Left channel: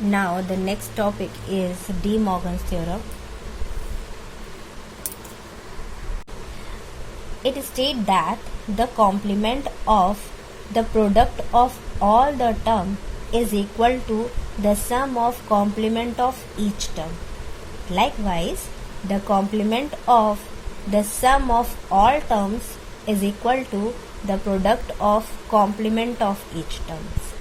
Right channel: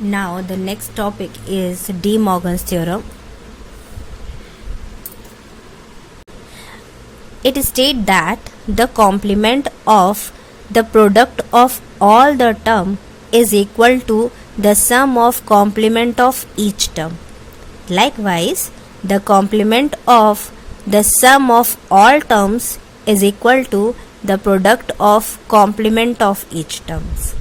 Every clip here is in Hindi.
Now the next topic is De Morgan's theorem. It states that the complement of the product of all the term is equal to the sum of complement of each term. Likewise, the complement of the sum of all terms is equal to the product of complement of each terms.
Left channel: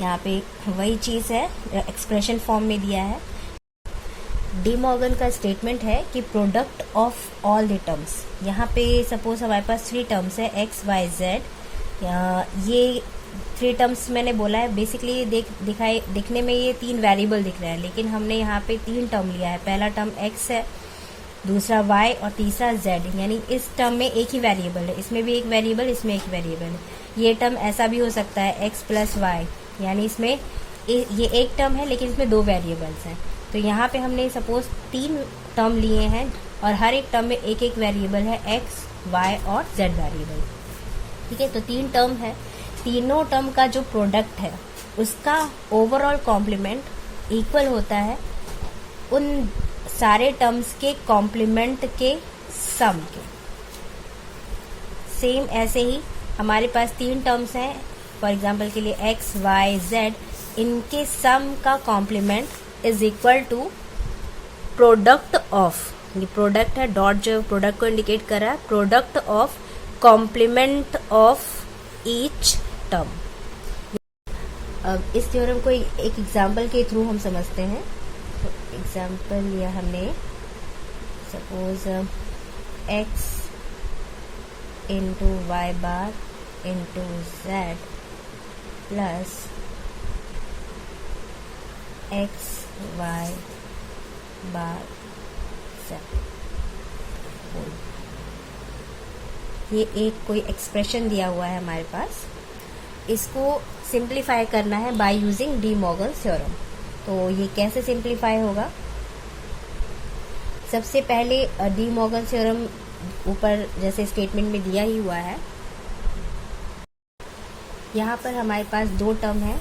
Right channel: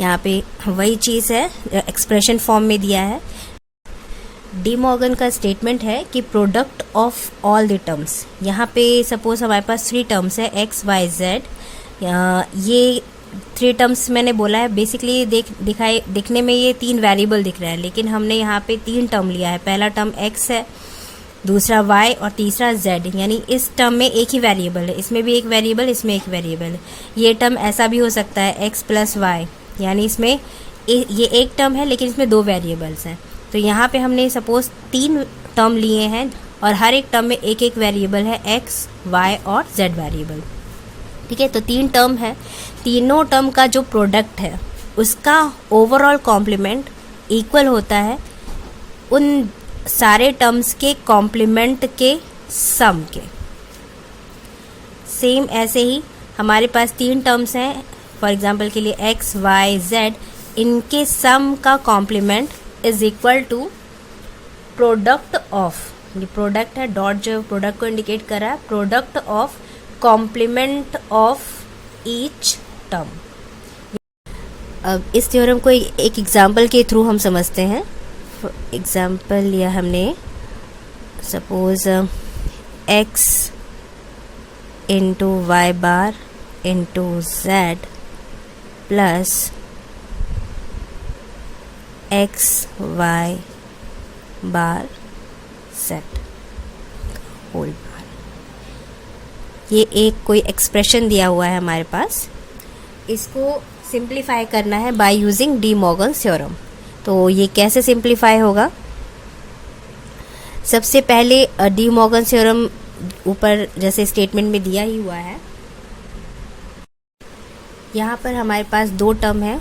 यहाँ पे वही चीज़ है, एक्सप्रेशन फॉर्म में दिया है. डी मॉर्गन का स्टेटमेंट है कि product of all the terms. यहाँ पे सपोज हमारे पास 3 टर्म्स है एक्स वाई जेड. ये 3 टर्म्स मैंने बोला है बेसिकली दिखने में ये 3 वेरिएबल दिख रहा है, लेकिन हमने यहाँ पे 3 टर्म लिया है. पहला टर्म एक्स है, दूसरा वाई और तीसरा जेड. यानी इस टर्म में एक ही वेरिएबल है, इसमें भी एक वेरिएबल, इसमें एक वेरिएबल है. ये टर्म ऐसा भी हो सकता है एक्स प्लस वाई, यानी इसमें ये एक टर्म है लेकिन इसमें 2 वेरिएबल्स हैं. तो यहाँ पे हमने सपोज 3 टर्म लिए हैं और हर एक टर्म में एक एक वेरिएबल है, एक्स वाई और जेड वेरिएबल. ठीक है, तो 3 टर्म है. तीनों टर्म का जो प्रोडक्ट है उसका ओवरऑल कॉम्प्लीमेंट इक्वल होता है उन सारे टर्म्स के कॉम्प्लीमेंट के सम के. सेम ऐसे ही हमारे पास 3 टर्म्स हैं, फॉर एग्जाम्पल के लिए एक्स वाई जेड. इनके सम का complement is equal to product of, ये प्रोडक्ट है, डॉट जो प्रोडक्ट को इंडिकेट कर रहा है, product of complement of each term. अब इस थ्योरम को एक एग्जाम्पल के थ्रू हम समझते हैं. एग्जाम्पल लिया हमने, suppose X into Y bar into Z plus X Y bar Z whole bar. ये एक कोई एक्सप्रेशन दिया हुआ है हमारे पास. इसको सिंप्लीफाई करना है by using De Morgan's theorem. तो ये कैसे सिंप्लीफाई होगा? सबसे पहले डी मॉर्गन्स थ्योरम ऊपर जैसे स्टेटमेंट में दिया ही हुआ है. यहाँ पर हमारे पास 2 टर्म है,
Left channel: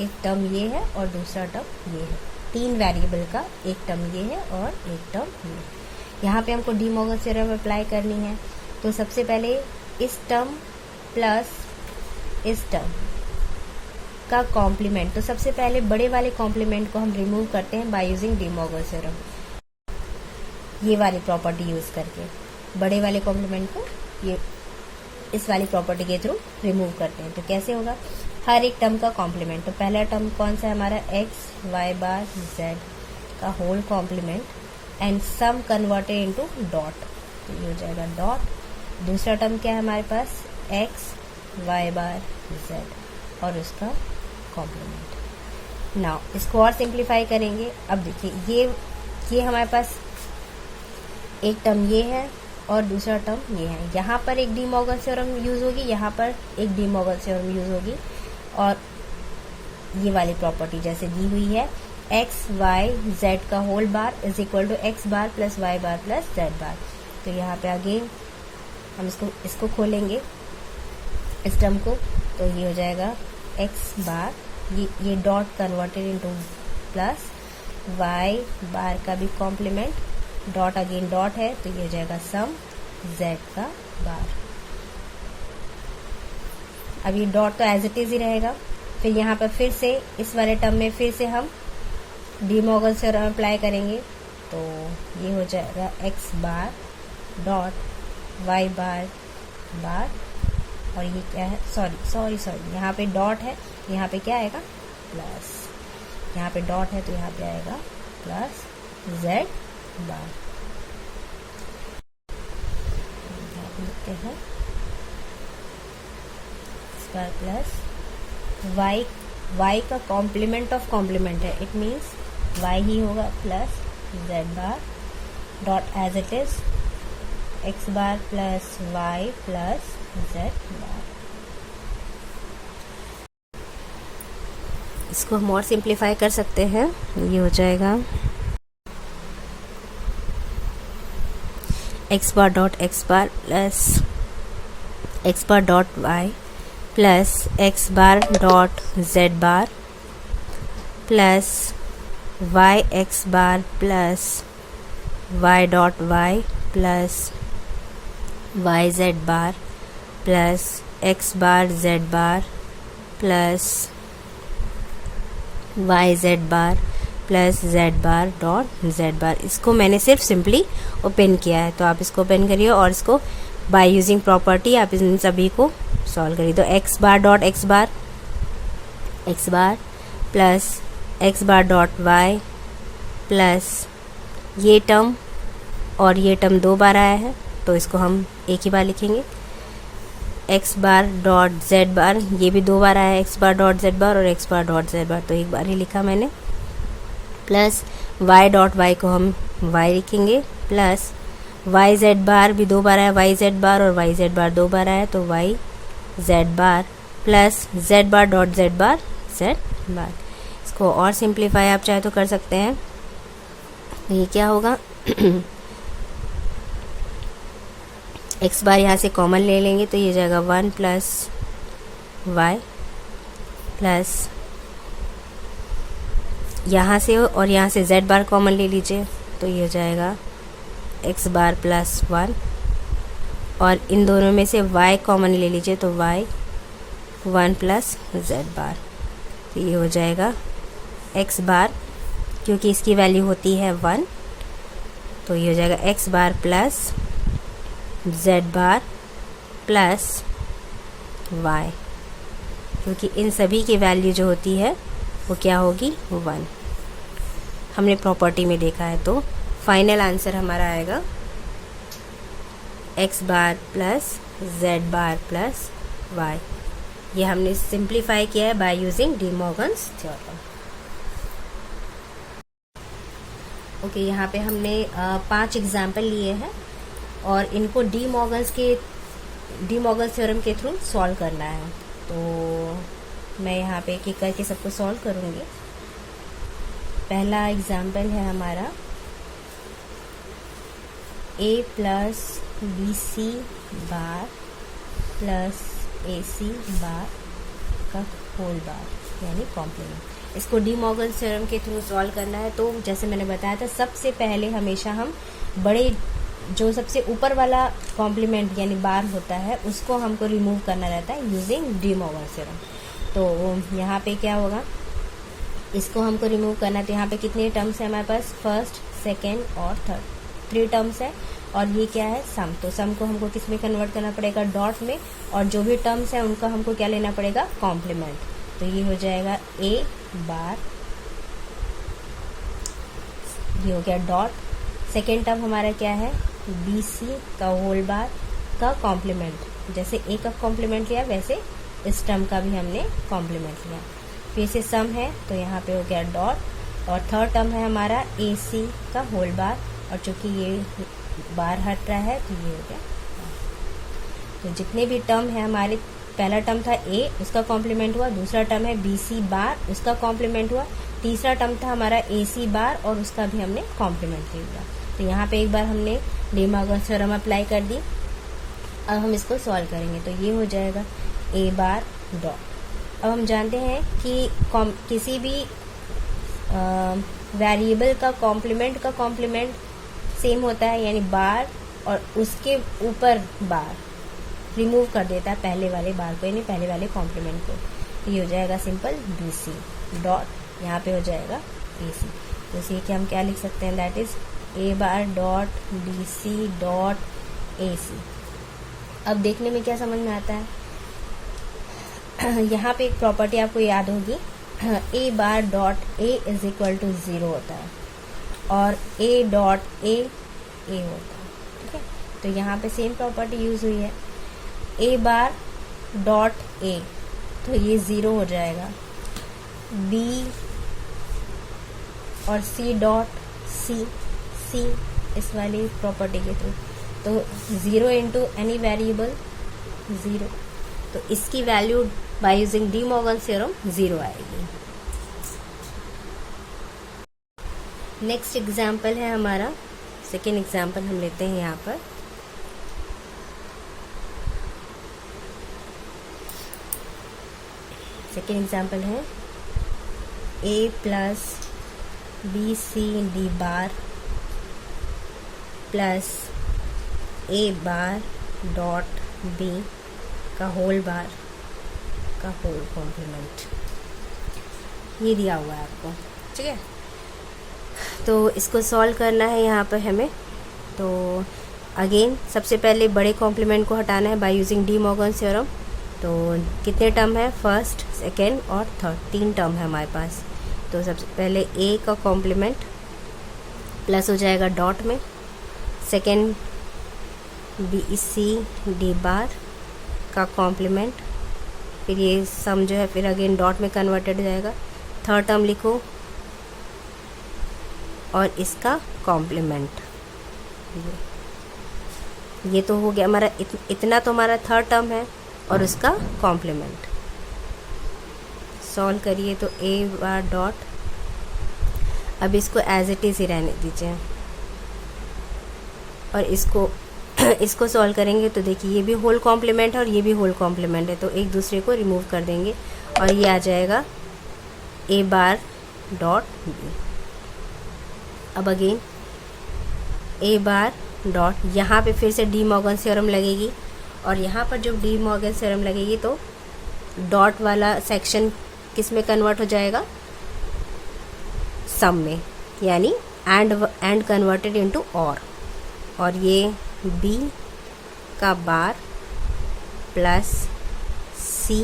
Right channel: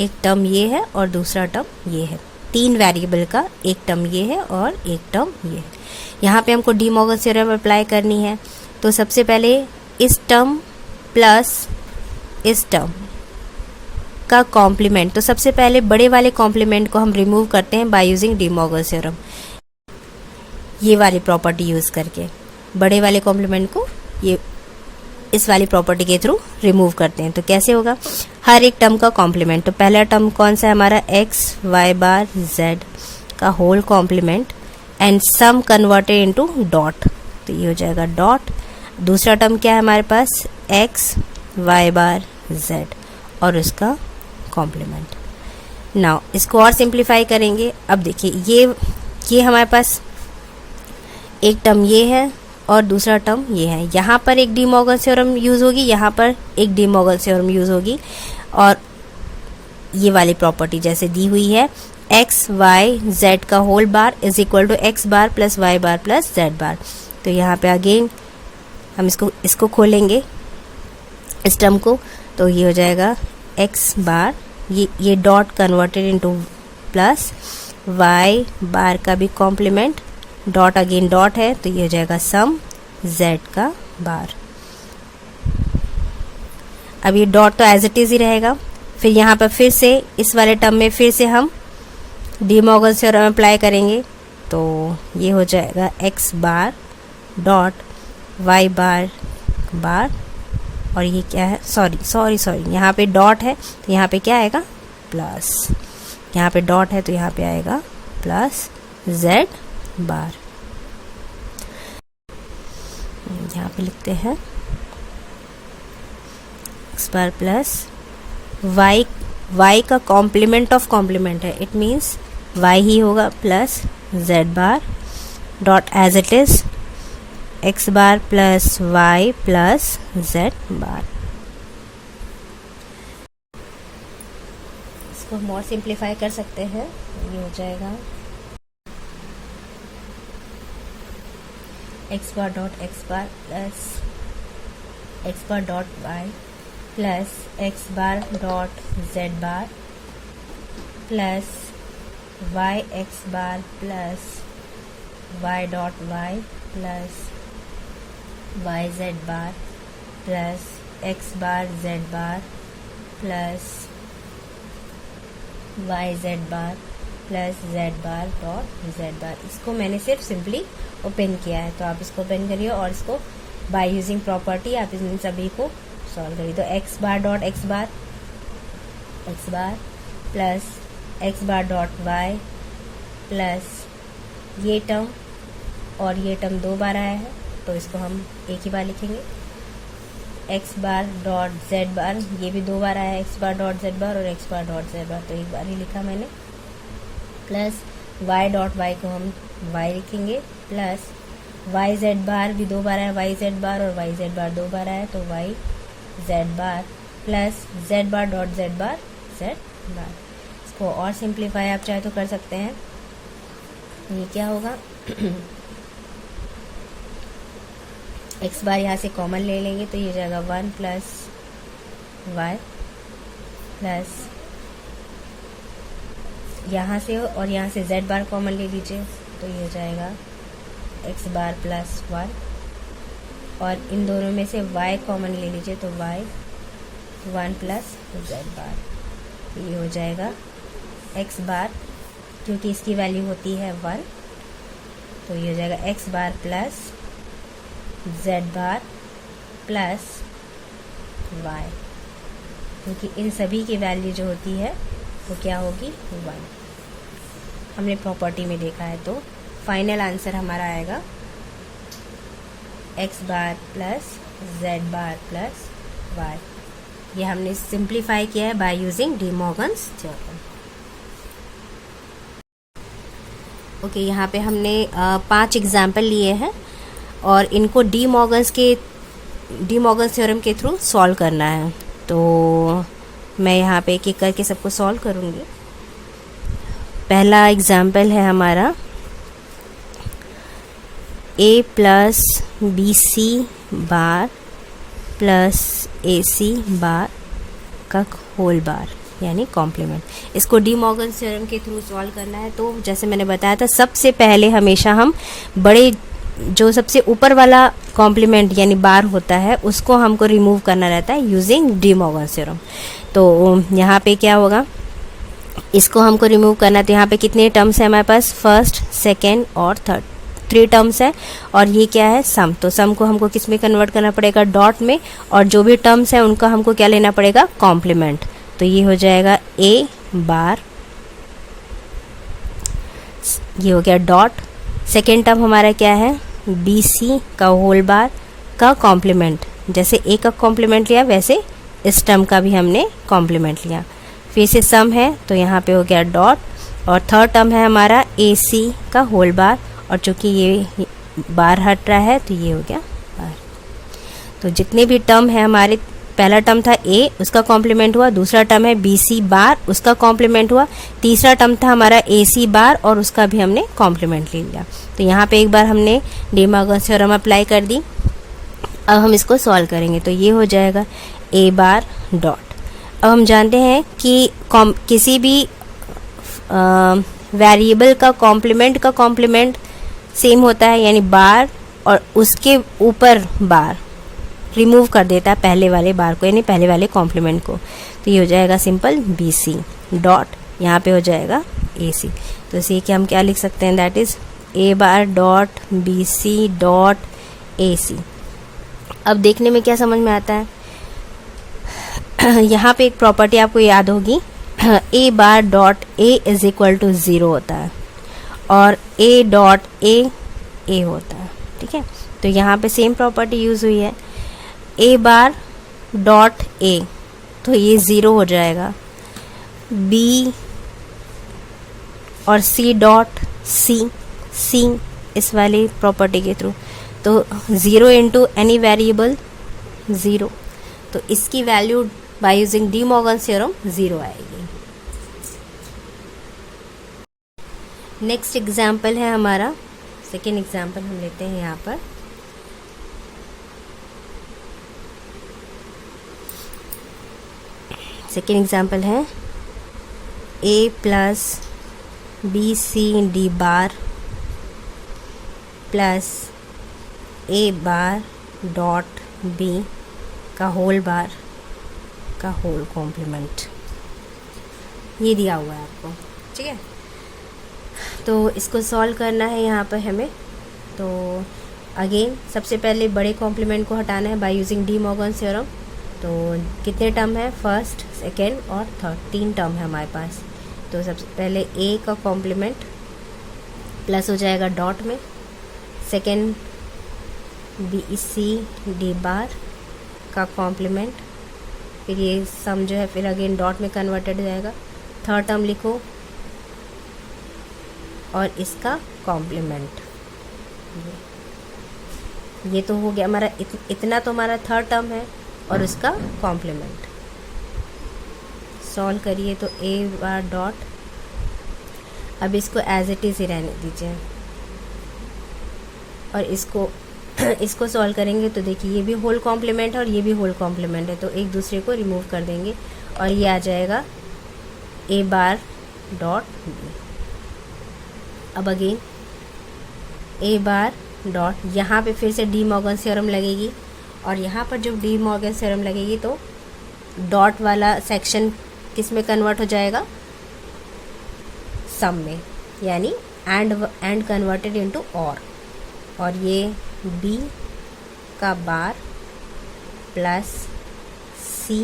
एक टर्म ये है और दूसरा टर्म ये है. 3 वेरिएबल का एक टर्म ये है और एक टर्म ये है. यहाँ पे हमको डी मॉर्गन थ्योरम अप्लाई करनी है. तो सबसे पहले इस टर्म प्लस इस टर्म का कॉम्प्लीमेंट, तो सबसे पहले बड़े वाले कॉम्प्लीमेंट को हम रिमूव करते हैं bye using De Morgan theorem. ये वाली प्रॉपर्टी यूज़ करके बड़े वाले कॉम्प्लीमेंट को ये इस वाली प्रॉपर्टी के थ्रू रिमूव करते हैं. तो कैसे होगा? हर एक टर्म का कॉम्प्लीमेंट. तो पहला टर्म कौन सा है हमारा? एक्स वाई बार जेड का whole complement and sum converted into dot. तो ये हो जाएगा डॉट. दूसरा टर्म क्या है हमारे पास? एक्स वाई बार जेड और उसका कॉम्प्लीमेंट. नाउ इसको और सिंप्लीफाई करेंगे. अब देखिए ये हमारे पास एक टर्म ये है और दूसरा टर्म ये है. यहाँ पर एक डी मॉर्गन थ्योरम यूज़ होगी, यहाँ पर एक डी मॉर्गन थ्योरम यूज़ होगी. और ये वाली प्रॉपर्टी जैसे दी हुई है, एक्स वाई जेड का whole bar is equal to X bar plus Y bar plus Z bar. तो यहाँ पे अगेन हम इसको खोलेंगे इस टर्म को. तो ये हो जाएगा एक्स बार, ये dot converted into plus Y bar का भी कॉम्प्लीमेंट, डॉट अगेन डॉट है तो ये हो जाएगा सम जेड का बार. अब ये डॉट तो एज इट इज़ ही रहेगा. फिर यहाँ पर फिर से इस वाले टर्म में फिर से हम डी मॉर्गन थ्योरम अप्लाई करेंगे. तो ये हो जाएगा एक्स बार डॉट वाई बार बार और ये क्या है? सॉरी यहाँ पे डॉट है तो यहाँ पे क्या आएगा? प्लस. यहाँ पे डॉट है तो यहाँ पे आएगा प्लस जेड बार. यहाँ पे लिखते हैं एक्स बार प्लस वाई का कॉम्प्लीमेंट ऑफ कॉम्प्लीमेंट है, इट मीन्स वाई ही होगा plus Z bar dot as it is X bar plus Y plus Z bar. इसको हम और सिंप्लीफाई कर सकते हैं. ये हो जाएगा X bar dot X bar plus X bar dot Y plus X bar dot Z bar plus Y X bar plus Y dot Y plus Y Z bar plus X bar Z bar plus Y Z bar plus Z bar dot Z bar. इसको मैंने सिर्फ सिंपली ओपन किया है, तो आप इसको ओपन करिए और इसको बाय यूजिंग प्रॉपर्टी आप इन सभी को सॉल्व करिए। तो X bar dot X bar plus X bar dot Y plus ये टर्म और ये टर्म 2 बार आया है, तो इसको हम एक ही बार लिखेंगे। X bar dot Z bar, ये भी 2 बार आया है, एक्स बार डॉट जेड बार और x bar dot Z bar, तो एक बार ही लिखा मैंने। प्लस वाई डॉट वाई को हम वाई लिखेंगे, प्लस वाई जेड बार भी 2 बार आया, वाई जेड बार और वाई जेड बार 2 बार आया, तो Y Z bar plus Z bar dot Z bar Z bar. इसको और सिंप्लीफाई आप चाहे तो कर सकते हैं। तो ये क्या होगा, एक्स बार यहाँ से कॉमन ले लेंगे तो ये जाएगा 1 प्लस वाई प्लस यहाँ से और यहाँ से z बार कॉमन ले लीजिए तो ये हो जाएगा x बार प्लस 1 और इन दोनों में से y कॉमन ले लीजिए तो y 1 प्लस z बार, तो ये हो जाएगा x बार, क्योंकि इसकी वैल्यू होती है 1, तो ये हो जाएगा x बार प्लस z बार प्लस y, क्योंकि इन सभी की वैल्यू जो होती है वो क्या होगी 1, हमने प्रॉपर्टी में देखा है। तो फाइनल आंसर हमारा आएगा x बार प्लस z बार प्लस y। ये हमने सिंप्लीफाई किया है by using De Morgan's theorem. Okay, यहाँ पे हमने 5 एग्जाम्पल लिए हैं और इनको डी मॉर्गन्स थ्योरम के थ्रू सॉल्व करना है। तो मैं यहाँ पे एक एक करके सबको सॉल्व करूँगी। पहला एग्जाम्पल है हमारा a plus B C bar plus A C bar का होल बार यानी कॉम्प्लीमेंट। इसको डी मॉर्गन्स थ्योरम के थ्रू सॉल्व करना है। तो जैसे मैंने बताया था, सबसे पहले हमेशा हम बड़े जो सबसे ऊपर वाला कॉम्प्लीमेंट यानी बार होता है उसको हमको रिमूव करना रहता है यूजिंग डी मॉर्गन्स थ्योरम। तो यहाँ पे क्या होगा, इसको हमको रिमूव करना है। तो यहाँ पे कितने टर्म्स हैं हमारे पास, फर्स्ट, सेकेंड और थर्ड, 3 टर्म्स है और ये क्या है सम। तो सम को हमको किस में कन्वर्ट करना पड़ेगा, डॉट में, और जो भी टर्म्स है उनका हमको क्या लेना पड़ेगा, कॉम्प्लीमेंट। तो ये हो जाएगा ए बार, ये हो गया डॉट। सेकेंड टर्म हमारा क्या है, बी सी का होल बार का कॉम्प्लीमेंट। जैसे ए का कॉम्प्लीमेंट लिया वैसे इस टर्म का भी हमने कॉम्प्लीमेंट लिया। फिर से सम है तो यहाँ पे हो गया डॉट, और थर्ड टर्म है हमारा ए सी का होल बार, और चूंकि ये बार हट रहा है तो ये हो गया बार। तो जितने भी टर्म है हमारे, पहला टर्म था ए, उसका कॉम्प्लीमेंट हुआ, दूसरा टर्म है बी सी बार, उसका कॉम्प्लीमेंट हुआ, तीसरा टर्म था हमारा ए सी बार और उसका भी हमने कॉम्प्लीमेंट ले लिया। तो यहाँ पे एक बार हमने डी मॉर्गन्स थ्योरम अप्लाई कर दी। अब हम इसको सॉल्व करेंगे तो ये हो जाएगा ए बार डॉट। अब हम जानते हैं कि किसी भी वेरिएबल का कॉम्प्लीमेंट सेम होता है, यानी बार और उसके ऊपर बार रिमूव कर देता है पहले वाले बार को, यानी पहले वाले कॉम्प्लीमेंट को। तो ये हो जाएगा सिंपल बी सी डॉट, यहाँ पे हो जाएगा ए सी। तो इसे कि हम क्या लिख सकते हैं, that is A bar dot B C dot A C. अब देखने में क्या समझ में आता है, यहाँ पे एक प्रॉपर्टी आपको याद होगी, A bar dot A is equal to 0 होता है और ए डॉट ए होता है, ठीक है। तो यहाँ पे सेम प्रॉपर्टी यूज हुई है, ए बार डॉट ए, तो ये 0 हो जाएगा, बी और सी डॉट सी इस वाली प्रॉपर्टी के थ्रू, तो 0 इंटू एनी वेरिएबल 0, तो इसकी value by using De Morgan's theorem 0 आएगी। नेक्स्ट एग्जाम्पल है हमारा, सेकेंड एग्जाम्पल हम लेते हैं यहाँ पर। सेकेंड एग्जाम्पल है A plus B C D bar plus A bar dot B का होल बार का होल कॉम्प्लीमेंट, ये दिया हुआ है आपको, ठीक है। तो इसको सॉल्व करना है यहाँ पर हमें। तो अगेन सबसे पहले बड़े कॉम्प्लीमेंट को हटाना है by using De Morgan theorem. तो कितने टर्म है, फर्स्ट, सेकेंड और थर्ड, 3 टर्म है हमारे पास। तो सबसे पहले ए का कॉम्प्लीमेंट प्लस हो जाएगा डॉट में, second B C D bar का कॉम्प्लीमेंट, फिर ये सम जो है फिर अगेन डॉट में कन्वर्टेड हो जाएगा। थर्ड टर्म लिखो और इसका कॉम्प्लीमेंट, ये तो हो गया हमारा, इतना तो हमारा थर्ड टर्म है और उसका कॉम्प्लीमेंट। सॉल्व करिए तो ए बार डॉट, अब इसको एज इट इज ही रहने दीजिए और इसको सॉल्व करेंगे तो देखिए ये भी होल कॉम्प्लीमेंट है और ये भी होल कॉम्प्लीमेंट है, तो एक दूसरे को रिमूव कर देंगे और ये आ जाएगा ए बार डॉट बी। अब अगेन ए बार डॉट, यहाँ पे फिर से डी मॉर्गन थ्योरम लगेगी और यहाँ पर जब डी मॉर्गन थ्योरम लगेगी तो डॉट वाला सेक्शन किस में कन्वर्ट हो जाएगा, सम में, यानी एंड कन्वर्टेड इनटू और ये बी का बार प्लस सी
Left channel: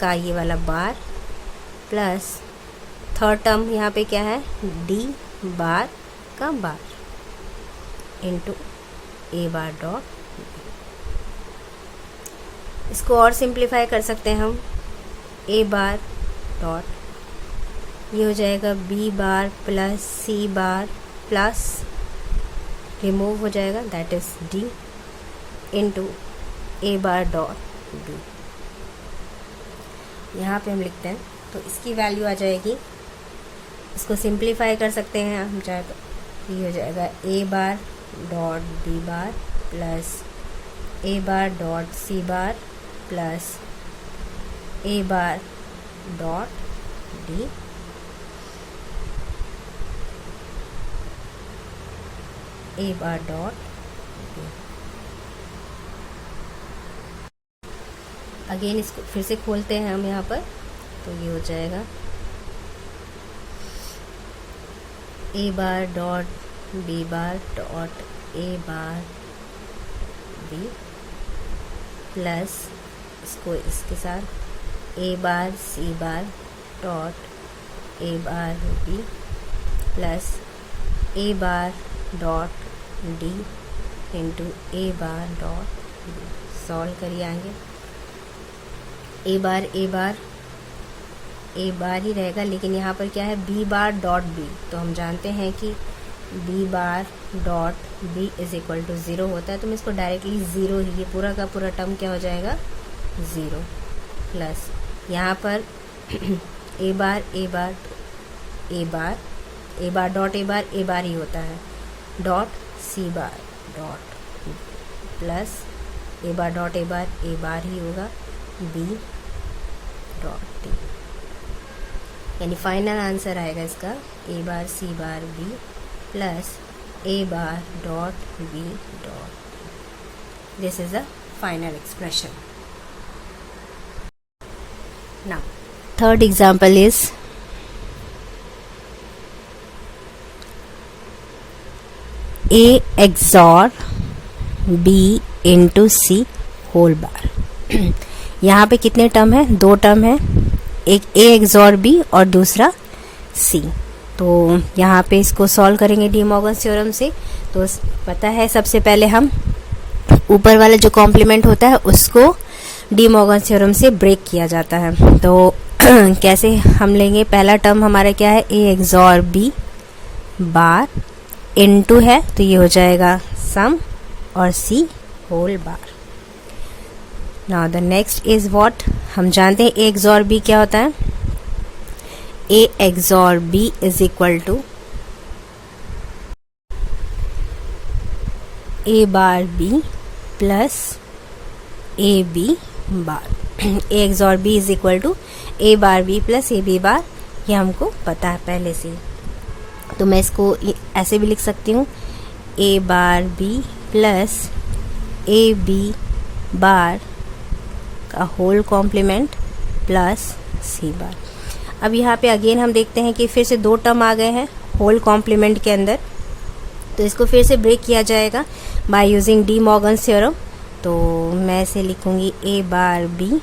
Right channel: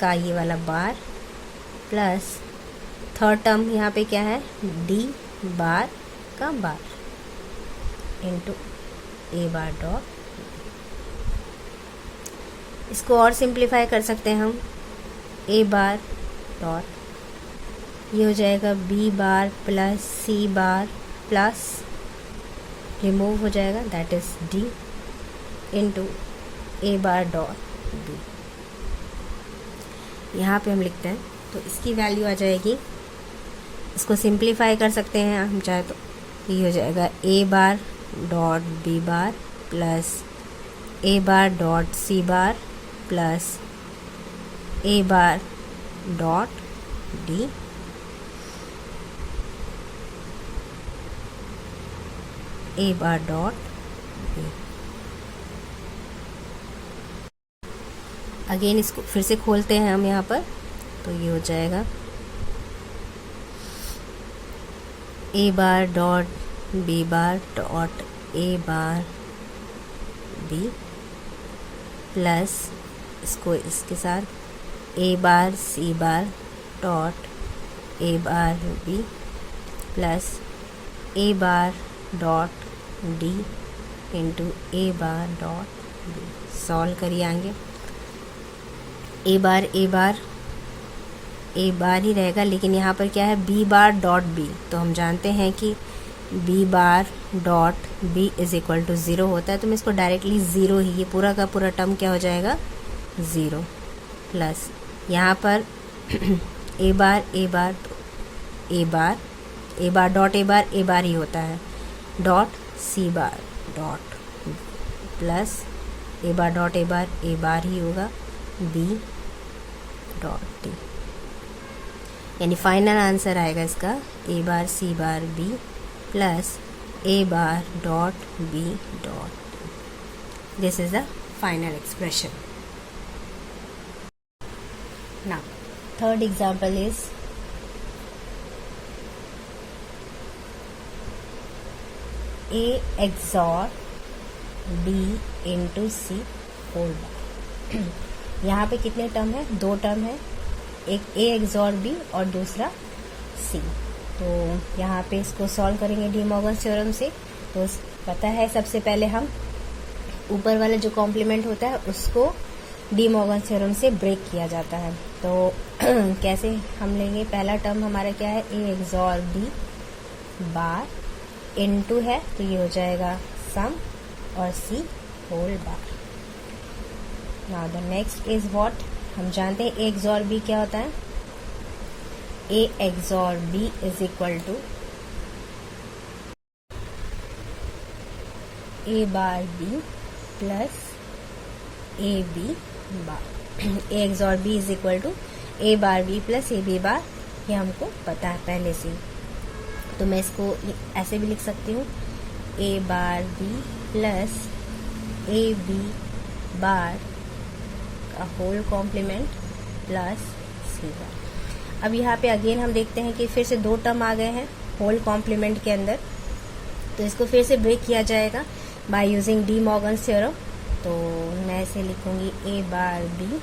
का ये वाला बार प्लस थर्ड टर्म यहाँ पे क्या है, डी बार का bar into A bar dot. इसको और सिंप्लीफाई कर सकते हैं हम, ए बार डॉट, ये हो जाएगा B bar plus C bar plus remove हो जाएगा that is D into A bar dot B. यहाँ पे हम लिखते हैं तो इसकी वैल्यू आ जाएगी, इसको सिंप्लीफाई कर सकते हैं हम चाहे तो, ये हो जाएगा A bar dot B bar plus A bar dot C bar plus A bar dot D A bar dot B. Again इसको फिर से खोलते हैं हम यहाँ पर, तो ये हो जाएगा A bar dot B bar dot A bar B plus इसको इसके साथ A bar C bar dot A bar B plus A bar dot D into A bar dot B. Solve करिए आगे, ए बार ही रहेगा, लेकिन यहाँ पर क्या है बी बार डॉट बी, तो हम जानते हैं कि B bar dot B is equal to 0 होता है, तो मैं इसको डायरेक्टली 0 ही, ये पूरा का पूरा टर्म क्या हो जाएगा 0 प्लस यहाँ पर ए बार डॉट ए बार ही होता है dot C bar dot plus A bar dot A bar ही होगा बी डॉट डी, यानी फाइनल आंसर आएगा इसका A bar C bar B plus A bar dot B dot. This is the final expression. Now third example is A XOR B into C whole bar. यहाँ पे कितने टर्म है, 2 टर्म है, एक A XOR B और दूसरा C। तो यहाँ पे इसको सॉल्व करेंगे डी मॉर्गन थ्योरम से। तो पता है सबसे पहले हम ऊपर वाला जो कॉम्प्लीमेंट होता है उसको डी मॉर्गन थ्योरम से ब्रेक किया जाता है। तो कैसे हम लेंगे, पहला टर्म हमारा क्या है A XOR B bar into है, तो ये हो जाएगा सम और C whole bar. Now the next is what, हम जानते हैं A XOR B क्या होता है, A XOR B is equal to A bar B plus A B bar. A XOR B is equal to A bar B plus A B bar ये हमको पता है पहले से ही। तो मैं इसको ऐसे भी लिख सकती हूँ, A bar B plus A B bar का whole complement plus C bar. अब यहाँ पे अगेन हम देखते हैं कि फिर से 2 टर्म आ गए हैं होल कॉम्प्लीमेंट के अंदर, तो इसको फिर से ब्रेक किया जाएगा bye using De Morgan theorem. तो मैं इसे लिखूँगी ए बार बी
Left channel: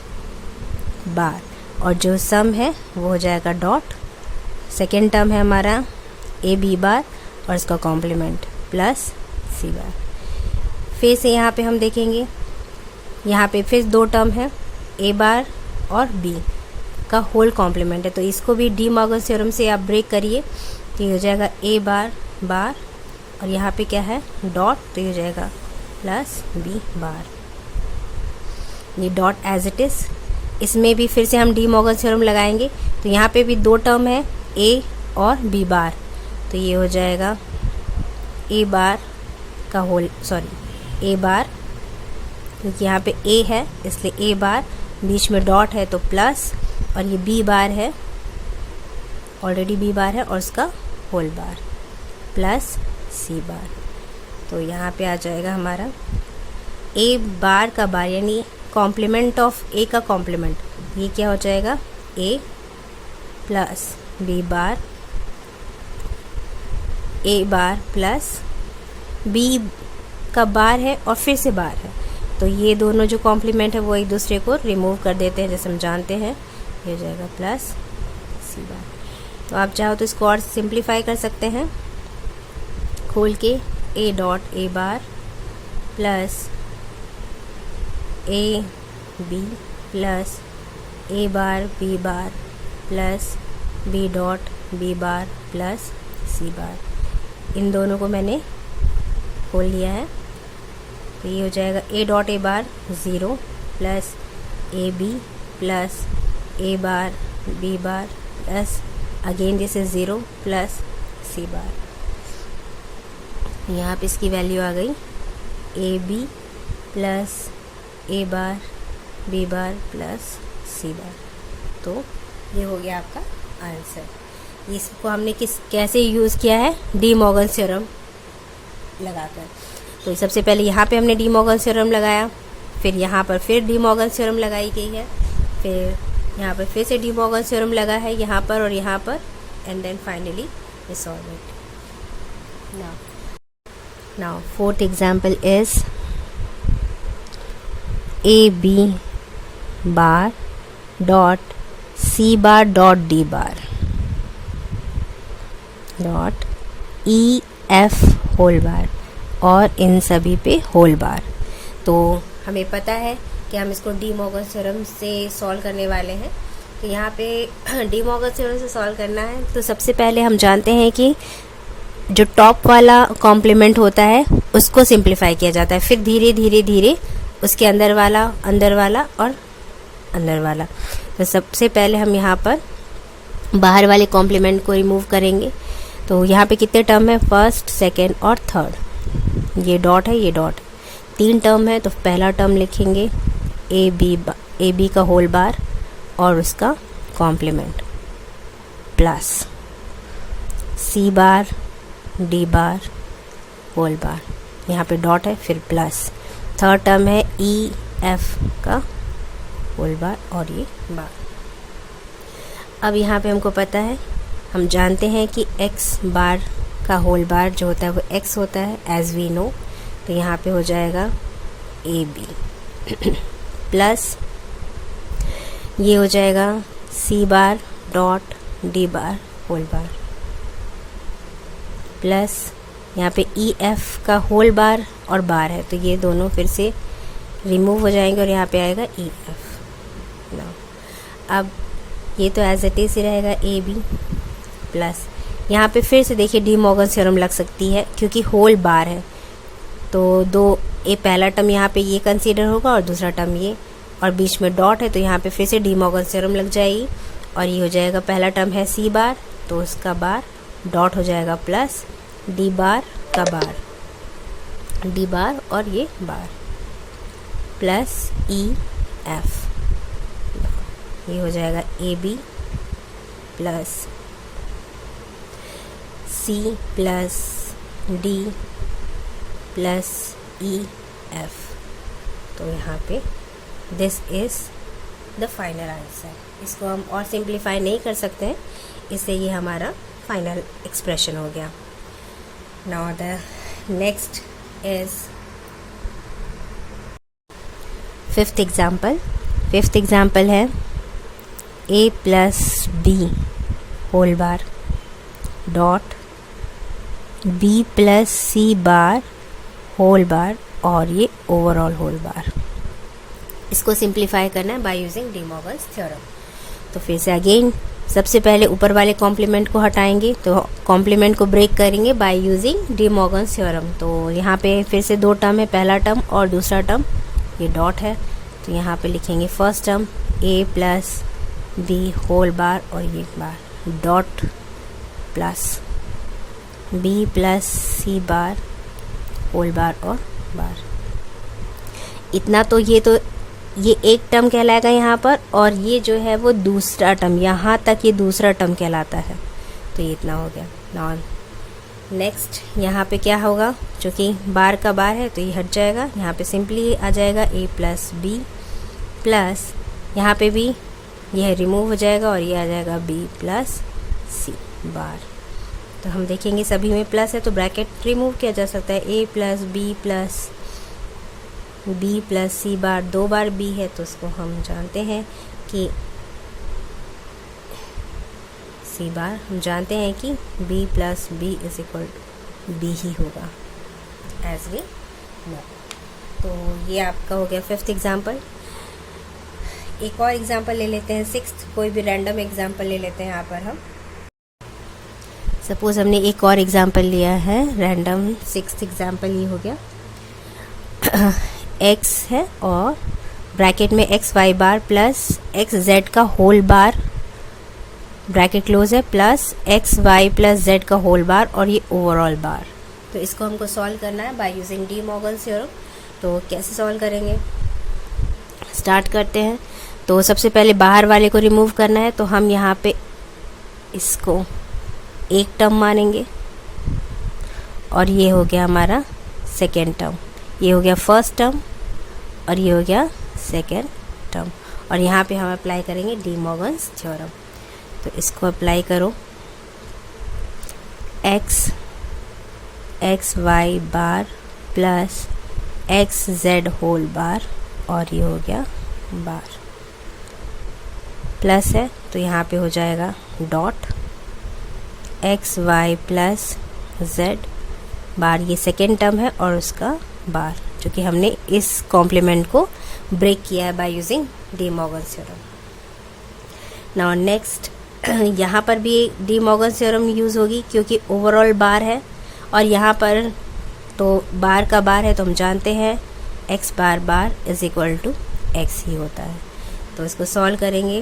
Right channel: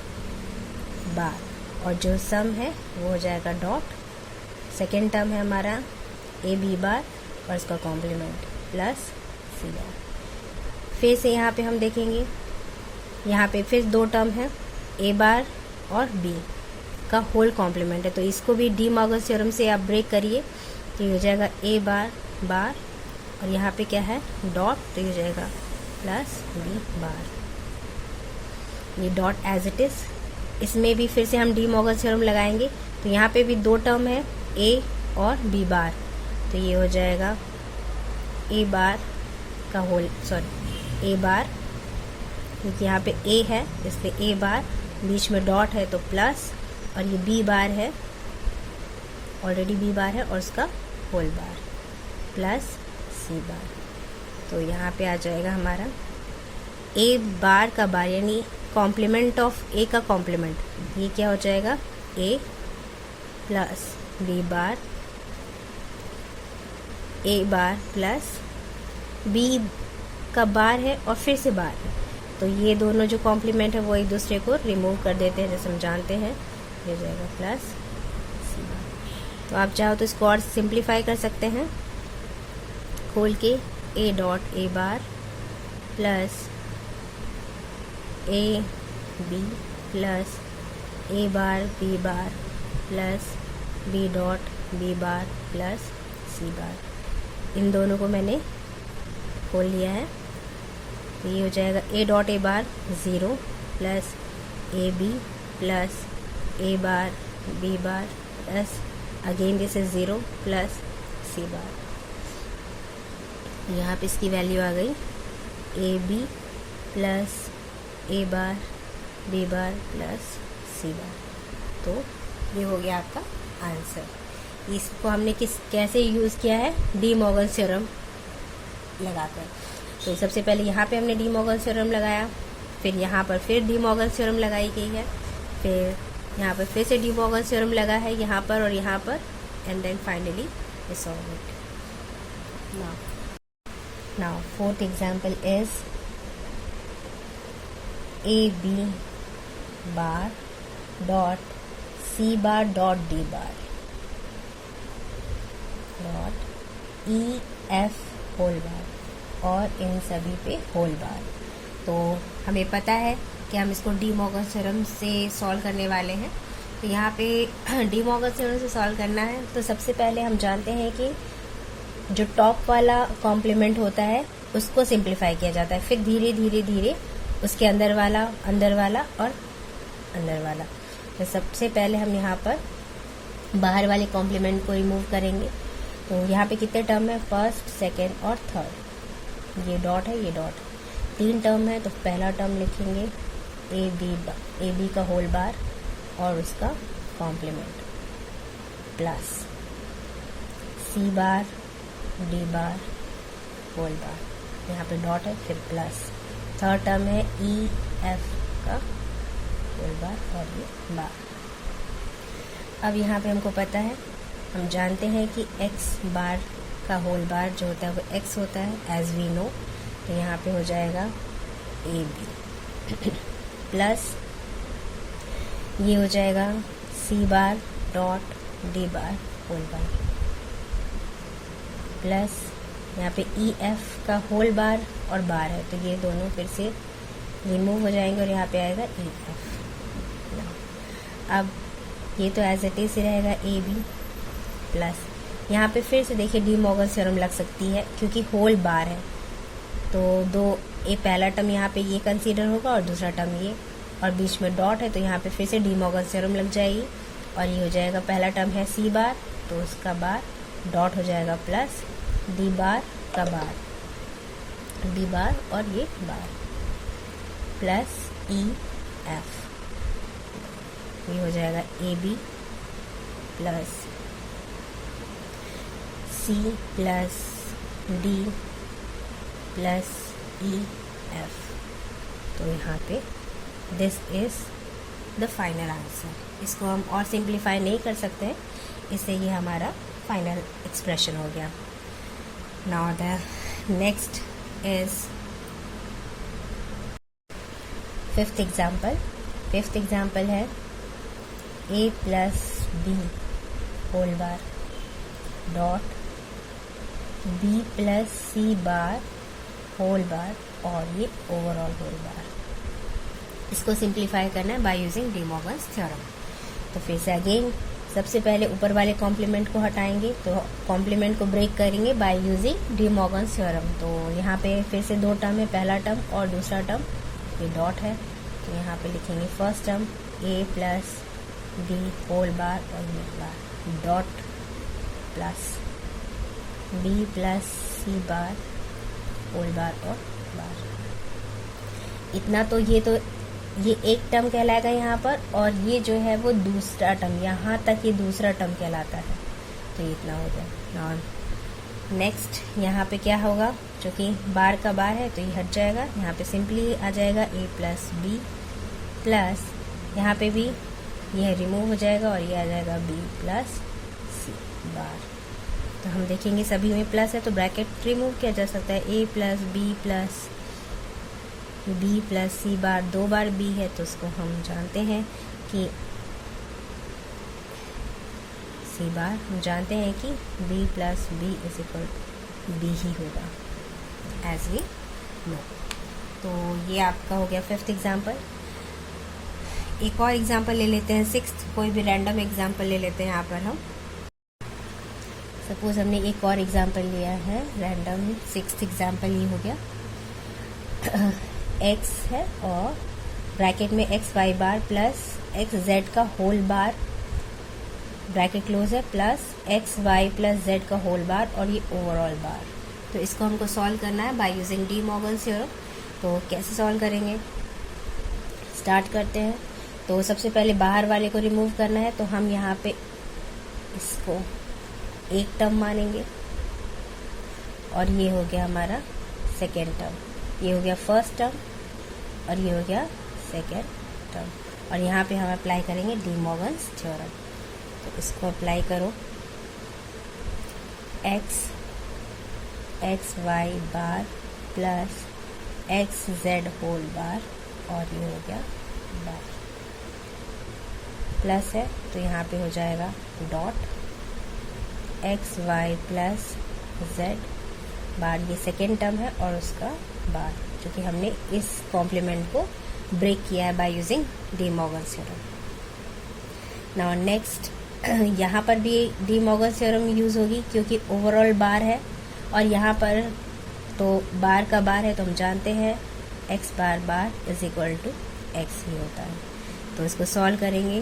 बार, और जो सम है वो हो जाएगा डॉट, सेकेंड टर्म है हमारा ए बी बार और इसका कॉम्प्लीमेंट प्लस सी बार। फिर से यहाँ पे हम देखेंगे, यहाँ पे फिर 2 टर्म है ए बार और बी का होल कॉम्प्लीमेंट है, तो इसको भी डी मॉर्गन थ्योरम से आप ब्रेक करिए, तो ये हो जाएगा ए बार बार और यहाँ पे क्या है डॉट, तो ये हो जाएगा प्लस बी बार। ये डॉट एज इट इज, इसमें भी फिर से हम डी मॉर्गन थ्योरम लगाएंगे, तो यहाँ पे भी 2 टर्म है ए और बी बार, तो ये हो जाएगा ए बार का होल ए बार, क्योंकि यहाँ पे ए है इसलिए ए बार, बीच में डॉट है तो प्लस, और ये बी बार है, ऑलरेडी बी बार है और उसका whole bar plus C bar. तो यहाँ पे आ जाएगा हमारा ए बार का बार यानी कॉम्प्लीमेंट ऑफ ए का कॉम्प्लीमेंट, ये क्या हो जाएगा ए प्लस बी बार, ए बार प्लस बी का बार है और फिर से बार है, तो ये दोनों जो कॉम्प्लीमेंट है वो एक दूसरे को रिमूव कर देते हैं जैसे हम जानते हैं, ये हो जाएगा प्लस सी बार। तो आप चाहो तो इसको और सिंप्लीफाई कर सकते हैं खोल के, A dot A bar plus A B plus A bar B bar plus B dot B bar plus C bar. इन दोनों को मैंने खोल लिया है, तो ये हो जाएगा A dot A bar 0 plus A B plus A bar B bar plus again जैसे 0 प्लस सी बार। यहाँ पे इसकी वैल्यू आ गई A B plus A bar B bar plus C bar. तो ये हो गया आपका आंसर। इसको हमने कैसे यूज़ किया है, डी मॉर्गन थ्योरम लगाकर। तो सबसे पहले यहाँ पे हमने डी मॉर्गन थ्योरम लगाया, फिर यहाँ पर फिर डी मॉर्गन थ्योरम लगाई गई है, फिर यहाँ पर फिर से डी मॉर्गन थ्योरम लगा है यहाँ पर और यहाँ पर, and then finally we solve it. Now fourth example is A B bar dot C bar dot D bar dot E F whole bar और इन सभी पे होल बार। तो हमें पता है कि हम इसको डी मॉर्गन थ्योरम से सॉल्व करने वाले हैं। तो यहाँ पे डी मॉर्गन थ्योरम से सॉल्व करना है, तो सबसे पहले हम जानते हैं कि जो टॉप वाला कॉम्प्लीमेंट होता है उसको सिंप्लीफाई किया जाता है, फिर धीरे धीरे धीरे उसके अंदर वाला और अंदर वाला। तो सबसे पहले हम यहाँ पर बाहर वाले कॉम्प्लीमेंट को रिमूव करेंगे। तो यहाँ पे कितने टर्म है, फर्स्ट सेकेंड और थर्ड, ये डॉट है ये डॉट, 3 टर्म है। तो पहला टर्म लिखेंगे ए बी का होल बार और उसका कॉम्प्लीमेंट प्लस सी बार डी बार होल बार, यहाँ पे डॉट है फिर प्लस, थर्ड टर्म है ई एफ का होल बार और ये बार। अब यहाँ पे हमको पता है, हम जानते हैं कि एक्स बार का होल बार जो होता है वो एक्स होता है एज वी नो। तो यहाँ पे हो जाएगा ए बी प्लस ये हो जाएगा C bar dot D bar whole bar plus यहाँ पे ई एफ का होल बार और बार है, तो ये दोनों फिर से रिमूव हो जाएंगे और यहाँ पे आएगा ई एफ। अब ये तो एज इट इज ही रहेगा ए बी प्लस, यहाँ पे फिर से देखिए डी मॉर्गन थ्योरम लग सकती है क्योंकि होल बार है, तो दो ए पहला टर्म यहाँ पे ये कंसीडर होगा और दूसरा टर्म ये, और बीच में डॉट है तो यहाँ पे फिर से डी मॉर्गन थ्योरम लग जाएगी और ये हो जाएगा पहला टर्म है सी बार तो उसका बार डॉट हो जाएगा प्लस डी बार का बार, डी बार और ये बार प्लस ई एफ, ये हो जाएगा A B plus C plus D plus E F. तो यहाँ पे this is the final answer. इसको हम और सिंप्लीफाई नहीं कर सकते हैं, इससे ये हमारा फाइनल एक्सप्रेशन हो गया। Now the next is fifth example है A plus B whole bar dot B plus C bar whole bar और ये ओवरऑल होल बार। इसको सिंप्लीफाई करना है by using De Morgan's theorem. तो फिर से अगेन सबसे पहले ऊपर वाले कॉम्प्लीमेंट को हटाएंगे, तो कॉम्प्लीमेंट को ब्रेक करेंगे bye using De Morgan's theorem. तो यहाँ पे फिर से दो टर्म है, पहला टर्म और दूसरा टर्म, ये डॉट है। तो यहाँ पे लिखेंगे first term A plus B whole bar और ये bar dot plus B plus C bar whole bar और बार। इतना तो ये एक टर्म कहलाएगा यहाँ पर, और ये जो है वो दूसरा टर्म, यहाँ तक ये दूसरा टर्म कहलाता है। तो ये इतना हो गया। नॉन नेक्स्ट यहाँ पे क्या होगा, जो कि बार का बार है तो ये हट जाएगा, यहाँ पे सिंपली आ जाएगा ए प्लस बी प्लस यहाँ पे भी यह रिमूव हो जाएगा और ये आ जाएगा बी प्लस सी बार। तो हम देखेंगे सभी में प्लस है तो ब्रैकेट रिमूव किया जा सकता है। A plus B plus C बार, दो बार बी है तो उसको हम जानते हैं कि सी बार, हम जानते हैं कि B plus B is equal B ही होगा एज वी नो। तो ये आपका हो गया फिफ्थ एग्जाम्पल। एक और एग्जाम्पल ले लेते हैं, सिक्स्थ, कोई भी रैंडम एग्जाम्पल ले लेते हैं यहाँ पर हम। सपोज हमने एक और एग्जाम्पल लिया है रैंडम, सिक्स्थ एग्जाम्पल ये हो गया x है और ब्रैकेट में X Y bar plus X Z का होल बार, ब्रैकेट क्लोज है, plus X Y plus Z का होल बार और ये ओवरऑल बार। तो इसको हमको सॉल्व करना है by using De Morgan's theorem. तो कैसे सॉल्व करेंगे, स्टार्ट करते हैं। तो सबसे पहले बाहर वाले को रिमूव करना है, तो हम यहाँ पे इसको एक टर्म मानेंगे और ये हो गया हमारा सेकेंड टर्म, ये हो गया फर्स्ट टर्म और ये हो गया सेकेंड टर्म। और यहाँ पे हम अप्लाई करेंगे डी मॉर्गन्स थ्योरम। तो इसको अप्लाई करो, X Y bar plus X Z whole bar और ये हो गया बार, प्लस है तो यहाँ पे हो जाएगा dot X Y plus Z bar, ये सेकेंड टर्म है और उसका बार, जो कि हमने इस कॉम्प्लीमेंट को ब्रेक किया है by using De Morgan's theorem. Now next यहाँ पर भी डी मॉर्गन्स थ्योरम यूज़ होगी क्योंकि ओवरऑल बार है और यहाँ पर तो बार का बार है तो हम जानते हैं X bar bar is equal to X ही होता है। तो इसको सॉल्व करेंगे,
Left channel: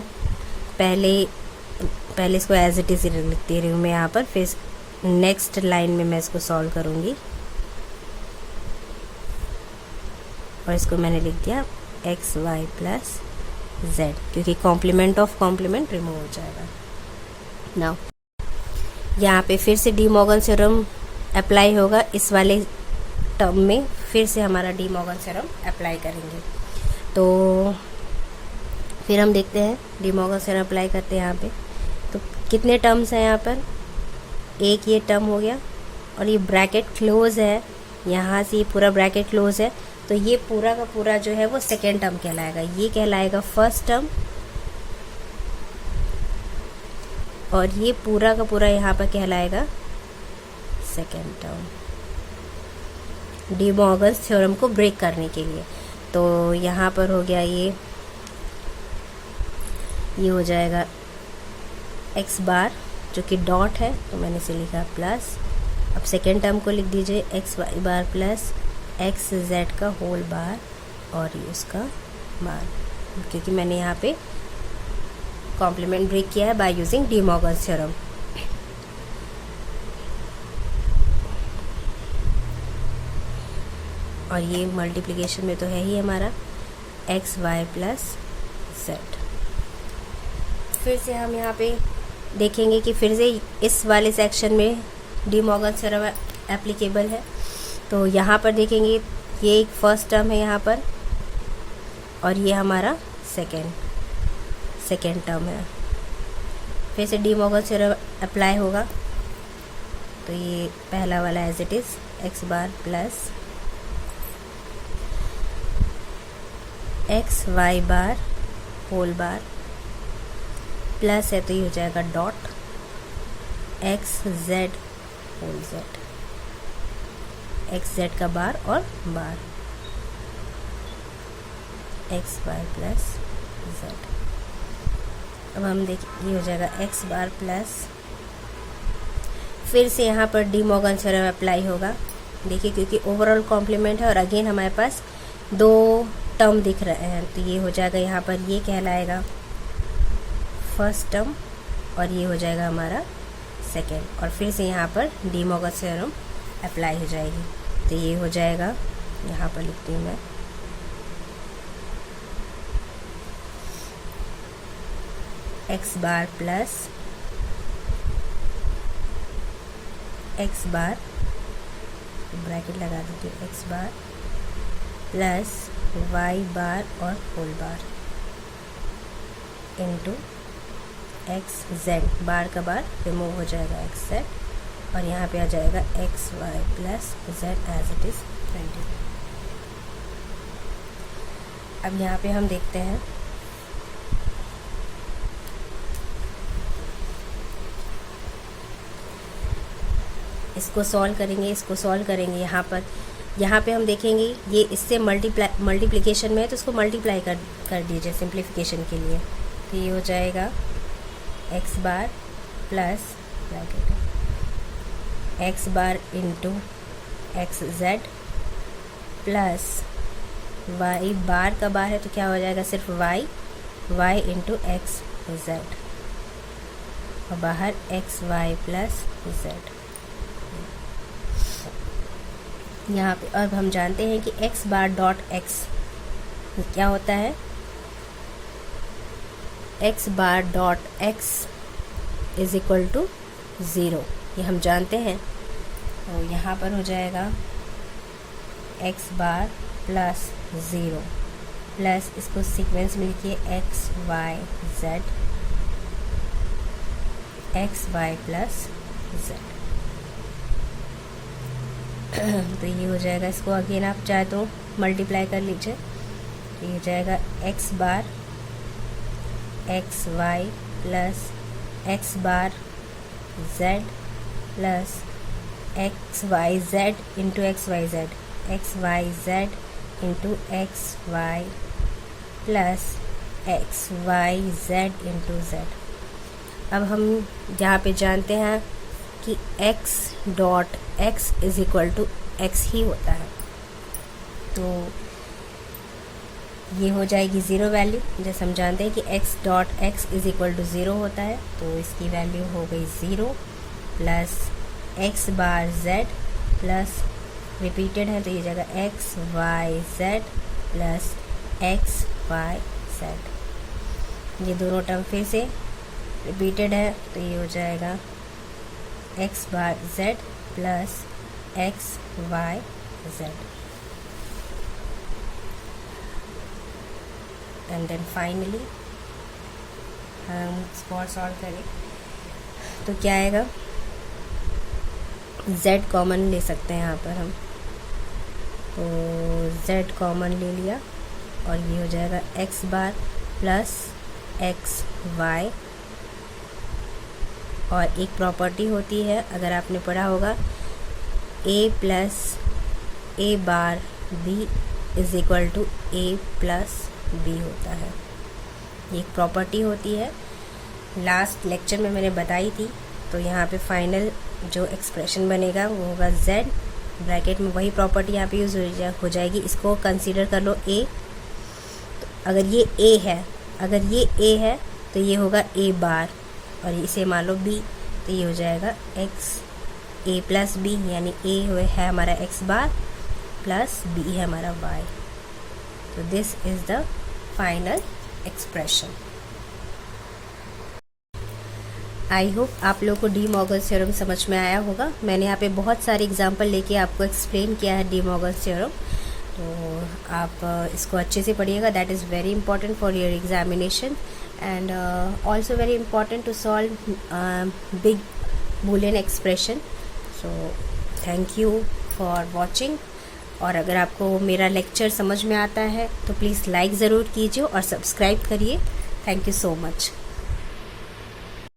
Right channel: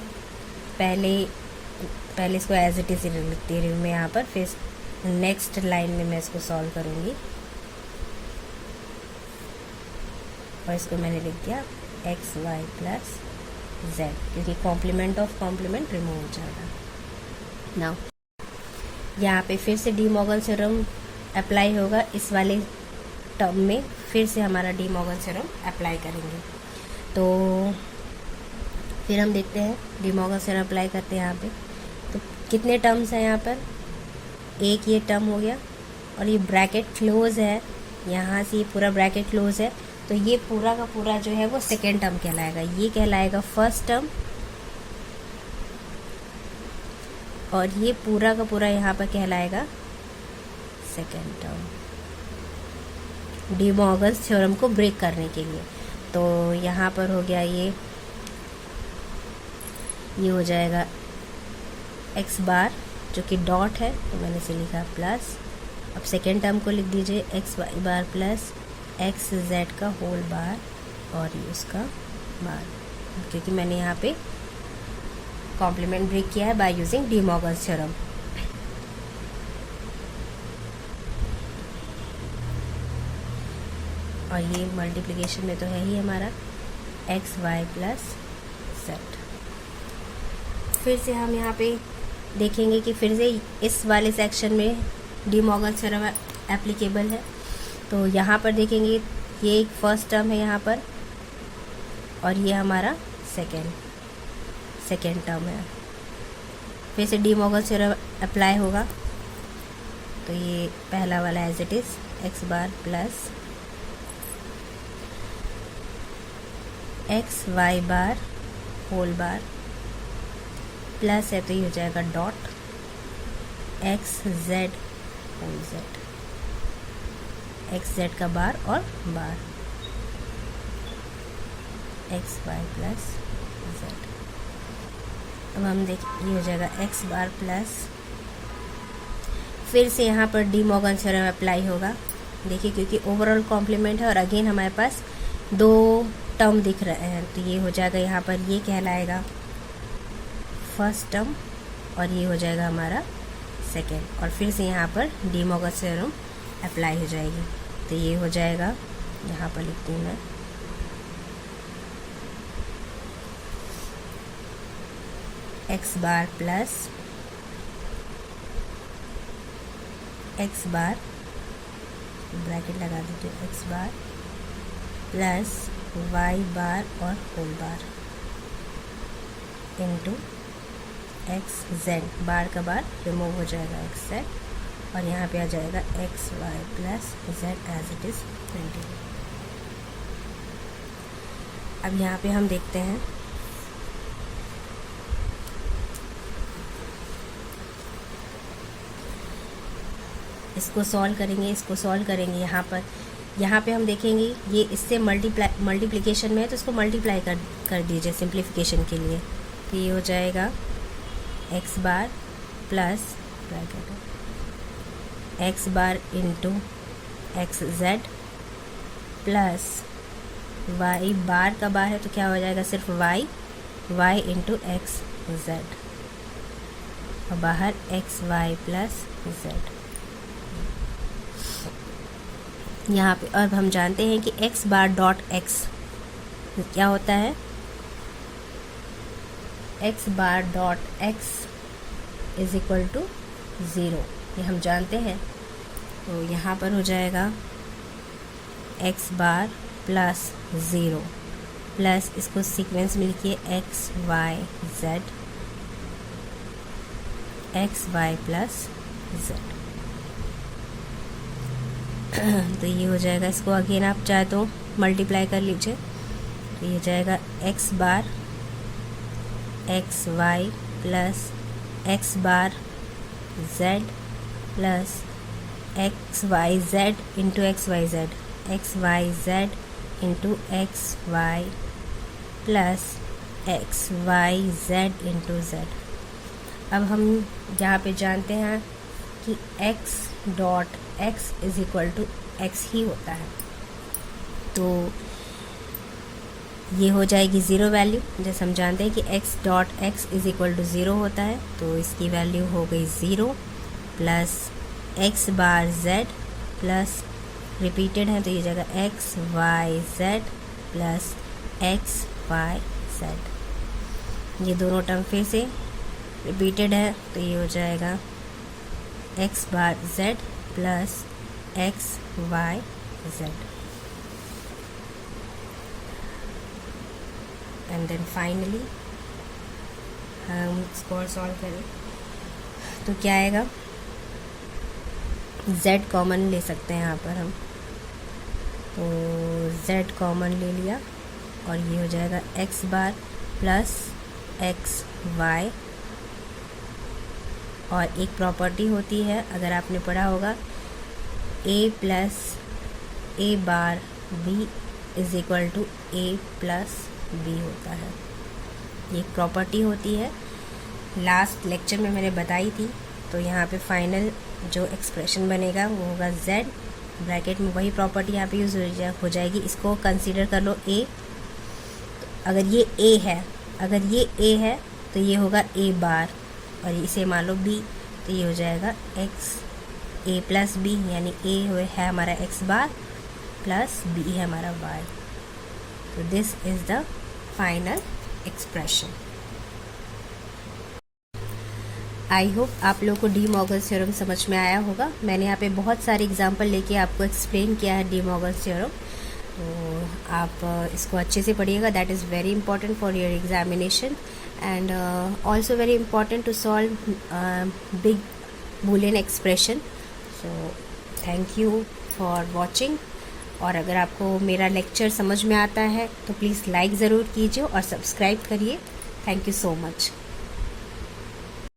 पहले इसको एज इट इज लिख दे रही हूँ मैं यहाँ पर, फिर नेक्स्ट लाइन में मैं इसको सॉल्व करूँगी और इसको मैंने लिख दिया एक्स वाई प्लस जेड, क्योंकि कॉम्प्लीमेंट ऑफ कॉम्प्लीमेंट रिमूव हो जाएगा। नाउ यहाँ पे फिर से डी मॉर्गन्स थ्योरम अप्लाई होगा, इस वाले टर्म में फिर से हमारा डी मॉर्गन्स थ्योरम अप्लाई करेंगे। तो फिर हम देखते हैं डी मॉर्गन्स थ्योरम अप्लाई करते हैं यहाँ पे। तो कितने टर्म्स हैं यहाँ पर, एक ये टर्म हो गया और ये ब्रैकेट क्लोज है, यहाँ से ये पूरा ब्रैकेट क्लोज है, तो ये पूरा का पूरा जो है वो सेकेंड टर्म कहलाएगा, ये कहलाएगा फर्स्ट टर्म और ये पूरा का पूरा यहाँ पर कहलाएगा second term, D Morgan's theorem को ब्रेक करने के लिए। तो यहाँ पर हो गया ये हो जाएगा एक्स बार जो कि डॉट है, तो मैंने इसे लिखा प्लस, अब सेकेंड टर्म को लिख दीजिए x Y bar plus X Z का होल बार और ये उसका बार, क्योंकि मैंने यहाँ पे कॉम्प्लीमेंट ब्रेक किया है by using De Morgan's theorem. और ये मल्टीप्लिकेशन में तो है ही हमारा एक्स वाई प्लस जेड। फिर से हम यहाँ पे देखेंगे कि फिर से इस वाले सेक्शन में डी मॉर्गन थ्योरम एप्लीकेबल है। तो यहाँ पर देखेंगे ये एक फर्स्ट टर्म है यहाँ पर, और ये हमारा सेकेंड टर्म है। फिर से डी मॉर्गन थ्योरम अप्लाई होगा, तो ये पहला वाला as it is X bar plus X Y bar whole bar plus है, तो ये हो जाएगा dot X Z whole Z, X Z का बार और bar X Y plus Z. अब हम देखिए ये हो जाएगा एक्स बार प्लस, फिर से यहाँ पर डी मॉर्गन थ्योरम अप्लाई होगा। देखिए क्योंकि ओवरऑल कॉम्प्लीमेंट है और अगेन हमारे पास दो टर्म दिख रहे हैं, तो ये हो जाएगा यहाँ पर ये कहलाएगा फर्स्ट टर्म और ये हो जाएगा हमारा सेकेंड, और फिर से यहाँ पर डी मॉर्गन थ्योरम अप्लाई हो जाएगी। तो ये हो जाएगा, यहाँ पर लिखती हूँ मैं X bar plus X bar, bracket लगा दीजिए, X bar plus Y bar और whole bar into X Z, bar का बार रिमूव हो जाएगा एक्स जेड, और यहाँ पे आ जाएगा X Y plus Z as it is 20। अब यहाँ पे हम देखते हैं इसको सॉल्व करेंगे यहाँ पे हम देखेंगे ये इससे मल्टीप्लिकेशन में है, तो इसको मल्टीप्लाई कर दीजिए सिंप्लीफिकेशन के लिए। तो ये हो जाएगा X bar plus bracket X bar into X Z plus Y, bar का बार है तो क्या हो जाएगा सिर्फ वाई इंटू एक्स जेड, और बाहर एक्स वाई प्लस जेड। यहाँ पे अब हम जानते हैं कि x बार डॉट x क्या होता है, x bar dot x is equal to 0, ये हम जानते हैं। तो यहाँ पर हो जाएगा x बार प्लस 0 प्लस, इसको सीक्वेंस में लिखिए x y प्लस z। तो ये हो जाएगा, इसको अगेन आप चाहे तो मल्टीप्लाई कर लीजिए, तो ये हो जाएगा X bar X Y plus X bar Z plus X Y Z into X Y Z into X Y plus X Y Z into Z. अब हम यहाँ पे जानते हैं कि x dot x is equal to X ही होता है, तो ये हो जाएगी 0 वैल्यू। जैसे हम जानते हैं कि x dot x is equal to 0 होता है, तो इसकी वैल्यू हो गई 0 plus x bar z plus repeated है, तो ये जाएगा X Y Z plus X Y Z. ये दोनों टर्म फिर से रिपीटेड है, तो ये हो जाएगा X bar Z plus X Y Z, and then finally हम इसको और सॉल्व करें तो क्या आएगा, z कॉमन ले सकते हैं यहाँ पर हम, तो z कॉमन ले लिया और ये हो जाएगा x बार प्लस एक्स वाई। और एक प्रॉपर्टी होती है, अगर आपने पढ़ा होगा, a plus A bar b is equal to a plus b होता है। ये एक प्रॉपर्टी होती है, लास्ट लेक्चर में मैंने बताई थी। तो यहाँ पे फाइनल जो एक्सप्रेशन बनेगा वो होगा z, ब्रैकेट में वही प्रॉपर्टी यहाँ पे यूज हो जाएगी। इसको कंसीडर कर लो a, तो अगर ये a है तो ये होगा a बार, और इसे मान लो b, तो ये हो जाएगा x a प्लस b, यानी a है हमारा x बार प्लस b है हमारा y। तो this is the final expression. I hope आप लोगों को डी मॉर्गन थ्योरम समझ में आया होगा। मैंने यहाँ पे बहुत सारे एग्जांपल लेके आपको एक्सप्लेन किया है डी मॉर्गन थ्योरम, तो आप इसको अच्छे से पढ़िएगा। That is very important for your examination and also very important to solve big Boolean expression. So thank you for watching. और अगर आपको मेरा लेक्चर समझ में आता है तो प्लीज़ लाइक ज़रूर कीजिए और सब्सक्राइब करिए। Thank you so much.